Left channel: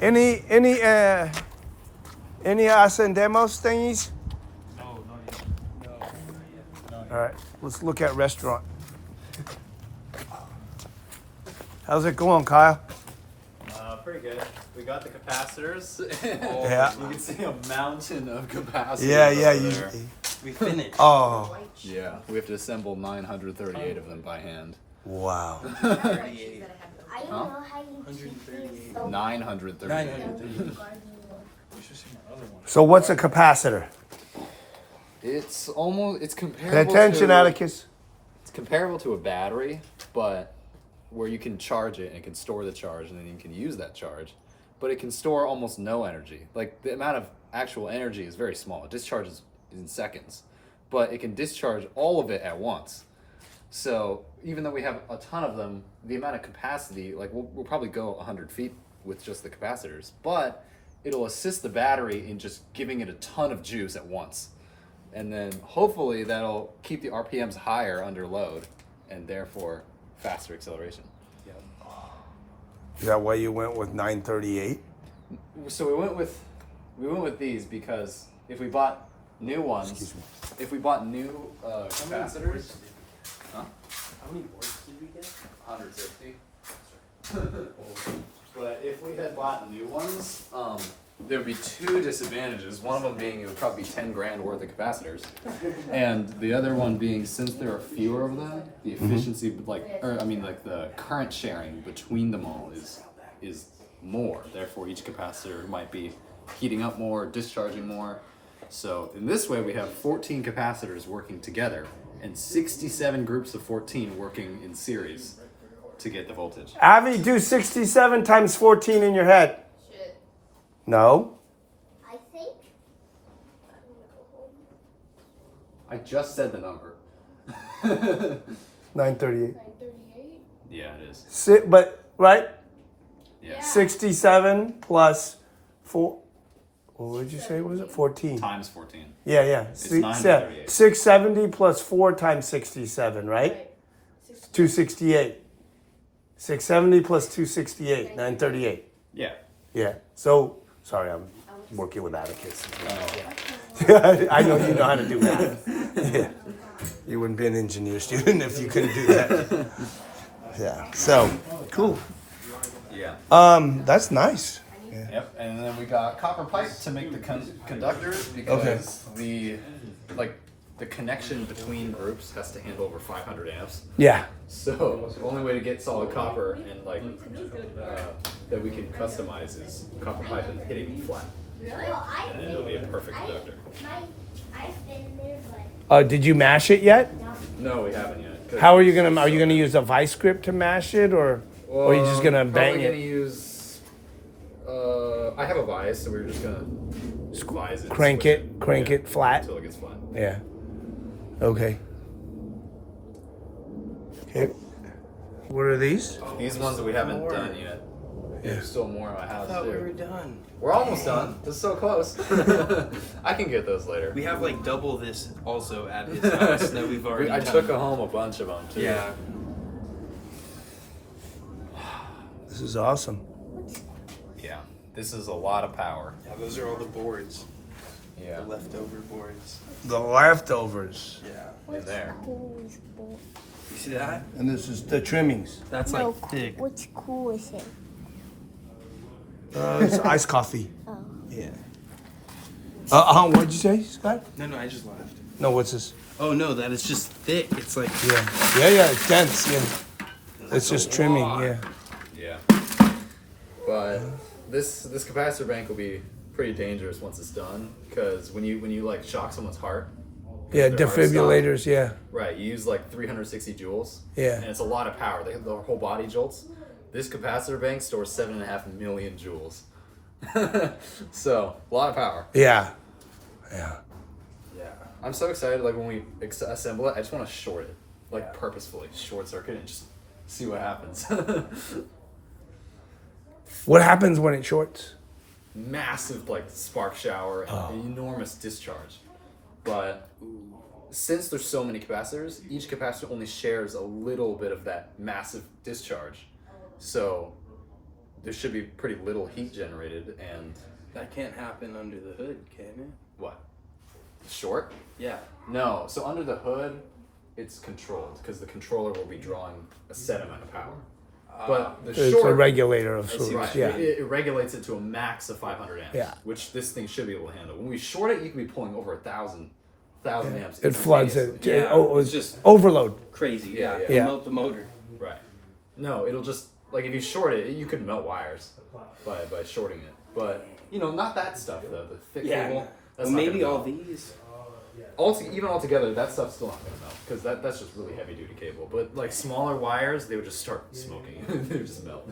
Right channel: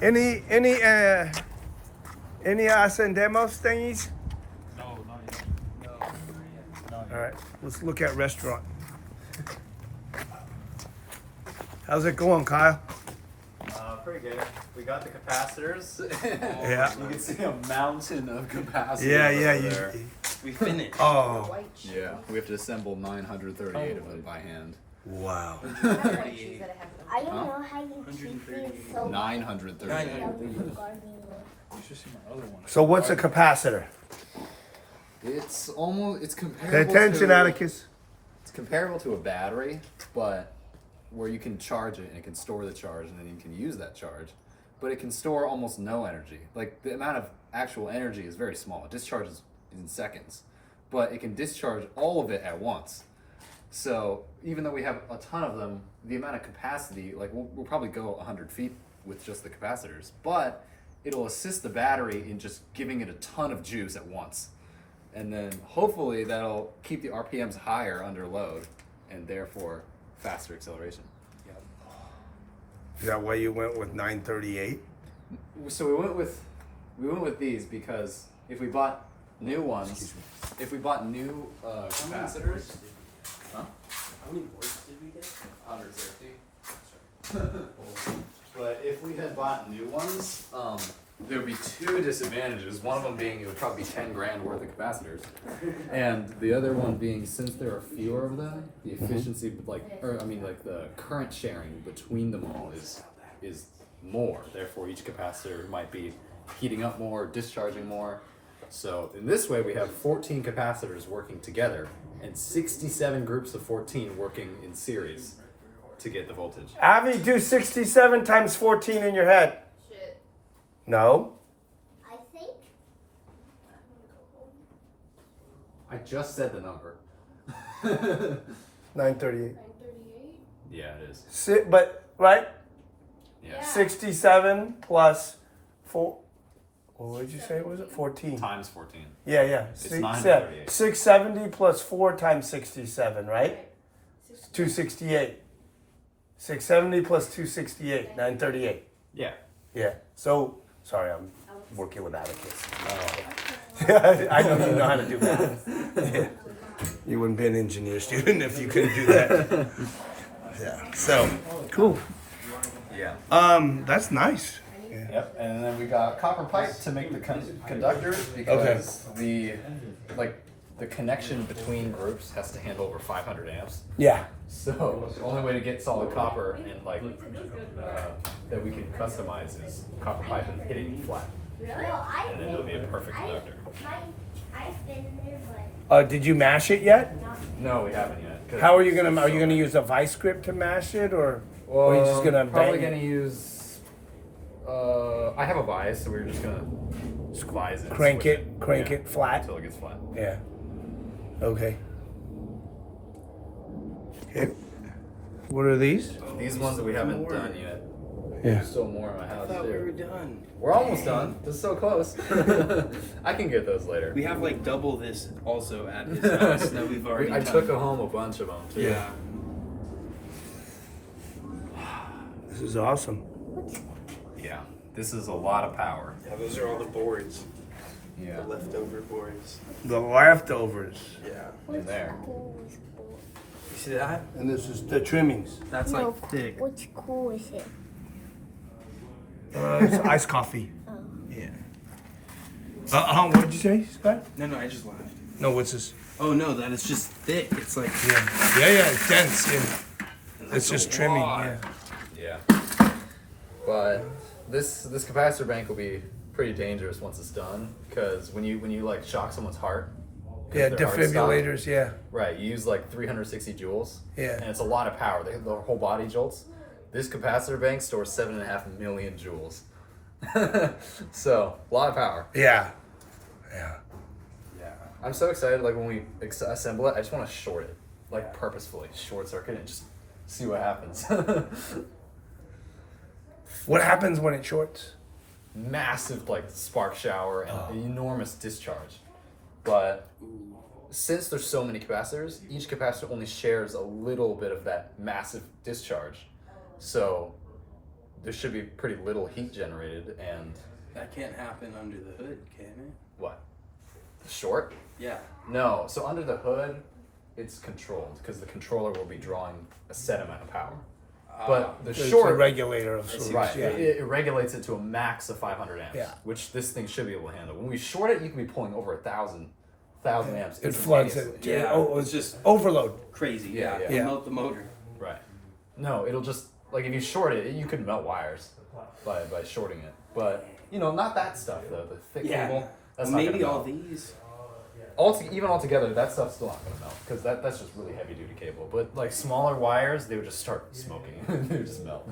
Any ascendemos thingies? No, not yet. No, not yet. All right, let's look at restaurant. How's it going, Kyle? Pretty good. We got the capacitors. Yeah. You can see a mountain of capacitors. Yeah, over there. We finished. Oh, Yeah, we have to assemble 938 of them by hand. wow. I don't know how you keep it so 938. So what's a capacitor? It's Pay comparable. attention, to, Atticus. It's comparable to a battery, but where you can charge it and it can store the charge and then you can use that charge, but it can store almost no energy. Like the amount of actual energy is very small. It discharges in seconds, but it can discharge all of it at once. So even though we have a ton of them, the amount of capacity, like we'll probably go 100 feet with just the capacitors, but it'll assist the battery in just giving it a ton of juice at once. And then hopefully that'll keep the RPMs higher under load and therefore faster acceleration. Is that why you went with 938? So we went with these because if we bought new ones, if we bought new capacitors, huh? How many volts did we get? 160. But if we had bought new ones, there would be two disadvantages. One of them being it would probably be 10 grand worth of capacitors, and the other one being since there are fewer of them, the efficiency, the current sharing between them all is more. Therefore, each capacitor might be heating up more, discharging more. So in this way, we have 14 capacitors working together and 67 groups of 14 working in series to get the voltage. Avi, do 67 times 14 in your head. shit. No. I think. I just said the number. 938. 938. Yeah, it is. But right? Yeah. 67 plus 4. What did you say? Was it 14? Times 14. Yeah, yeah. It's 938. 670 plus 4 times 67, right? 268. 670 plus 268, 938. Yeah. Yeah. So, sorry, I'm working with Atticus. I know you know how to do that. Yeah. You wouldn't be an engineer student if you couldn't do that. Yeah. So, cool. Yeah. That's nice. Yep. And then we got copper pipe to make the conductors because the connection between groups has to handle over 500 amps. Yeah. So the only way to get solid copper and that we can customize is copper pipe and hitting it flat, and then it'll be a perfect conductor. I've been there, but Did you mash it yet? No, we haven't yet. 'Cause How are you gonna use a vice grip to mash it, or are you just gonna bang probably it? gonna use. I have a vise, so we're just gonna vise it. and Crank switch it, crank it flat. until it gets flat. Yeah. Okay. Okay. What are these? These ones that we haven't done yet. Yeah. There's still more in my house. I thought we too. were done. We're almost done. This is so close. I can get those later. We have like double this also at his house that we've already I done. took home a bunch of them too. Yeah. This is awesome. Yeah. This is a lot of power. Yeah, those are all the boards. Yeah. The leftover boards. The leftovers. Yeah. In there. You see that? And this is the trimmings. That's no, like thick. which cool is it? It's iced coffee. Yeah. What'd you say, Scott? No, I just laughed. No, what's this? Oh no, that is just thick. It's like Yeah, it's dense, yeah. It's just trimming, lot. yeah. Yeah. But this capacitor bank will be pretty dangerous once it's done, because when you like shock someone's heart. 'cause Yeah, their heart is stopped, defibrillators, yeah. right, you use like 360 joules. Yeah. And it's a lot of power. The whole body jolts. This capacitor bank stores 7.5 million joules. So, a lot of power. Yeah. Yeah. Yeah. I'm so excited, like when we assemble it, I just want to short it. Like purposefully, short circuit and just see what happens. What happens when it shorts? Massive like spark shower and an enormous discharge. But since there's so many capacitors, each capacitor only shares a little bit of that massive discharge. So there should be pretty little heat generated. And That can't happen under the hood, can it? what? Short? Yeah. No. So under the hood, it's controlled because the controller will be drawing a set amount of power. But the It's a short, regulator of sorts. right? Yeah. It regulates it to a max of 500 amps, Yeah. which this thing should be able to handle. When we short it, you can be pulling over 1,000 amps. It floods it. instantaneously. Yeah, Oh, it's just overload. crazy. Yeah. Yeah. It'll Yeah. melt the motor. Right. No, it'll just like if you short it, you could melt wires by shorting it. But not that stuff though. The thick cable. That's Well, not maybe gonna all melt. these. Even altogether, that stuff's still not gonna melt because that's just really heavy duty cable. But like smaller wires, they would just start smoking. They would just melt.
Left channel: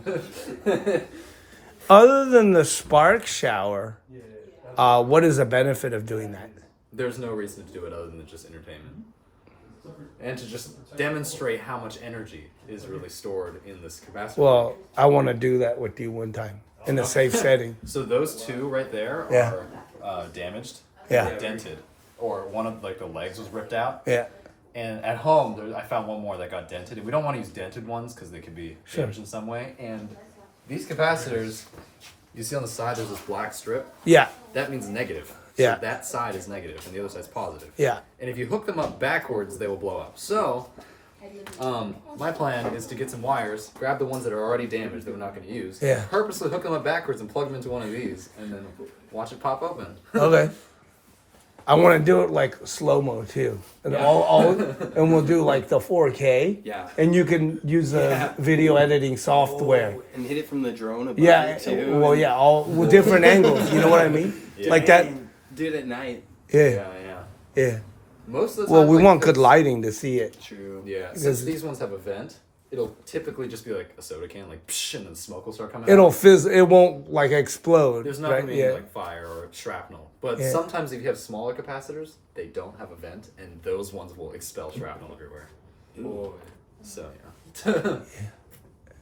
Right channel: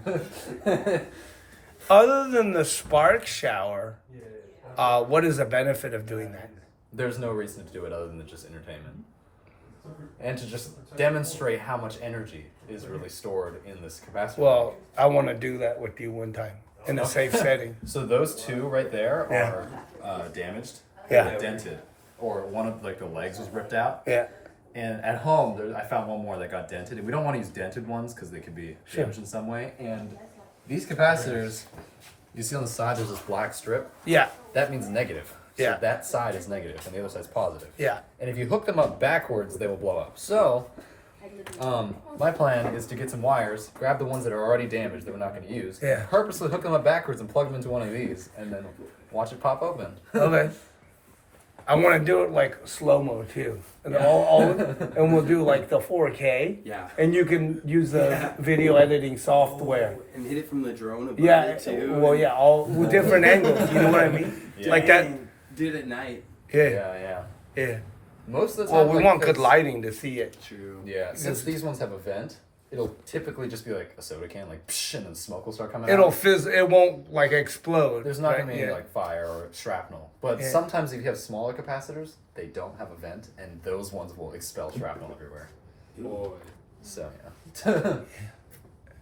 Other than the spark shower, what is the benefit of doing that? There's no reason to do it other than just entertainment. And to just demonstrate how much energy is really stored in this capacitor. Well, I want to do that with you one time in a safe setting. So those two right there are damaged. Yeah. They were dented. Or one of the legs was ripped out. Yeah. And at home, I found one more that got dented. And we don't want to use dented ones because they could be damaged in some way. And these capacitors, you see on the side there's this black strip. Yeah. That means negative. Yeah. So that side is negative and the other side's positive. Yeah. And if you hook them up backwards, they will blow up. So, my plan is to get some wires, grab the ones that are already damaged that we're not going to use, Yeah. purposely hook them up backwards and plug them into one of these, and then watch it pop open. Okay. I want to do it like slow mo too, and and we'll do like the 4K. Yeah. And you can use the video editing software. And hit it from the drone above Yeah. it too. Well, yeah, all with different angles. You know what I mean? Yeah. Like that. Do it at night. Yeah. Yeah. Yeah. Most of the Well, time, we like, want good it's- lighting to see it. True. Yeah, since these ones have a vent, it'll typically just be like a soda can, like psh, and then smoke will start coming It'll out. fizz. It won't like explode. There's not right? gonna be Yeah. any like fire or shrapnel. But Yeah. sometimes if you have smaller capacitors, they don't have a vent, and those ones will expel shrapnel everywhere. Boy. So yeah.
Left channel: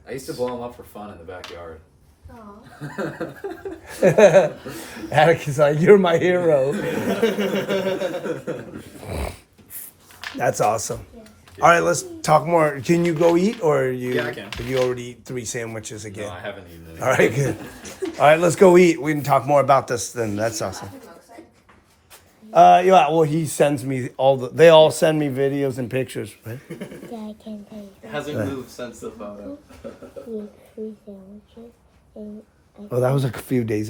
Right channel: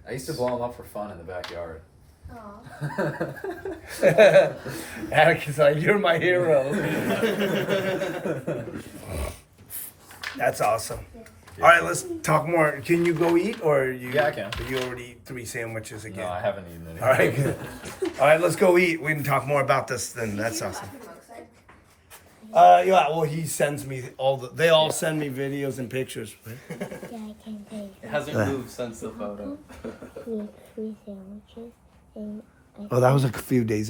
I used to blow them up for fun in the backyard. Atticus, like, you're my hero. That's awesome. All right, let's talk more. Can you go eat, or you? Yeah, I can. Have you already eat 3 sandwiches again? No, I haven't eaten any. All right, good. All right, let's go eat. We can talk more about this then. That's awesome. Yeah. Well, he sends me they all send me videos and pictures. Right? Yeah, I can take It hasn't moved since the photo. with 3 sandwiches and Oh, that was a few days ago.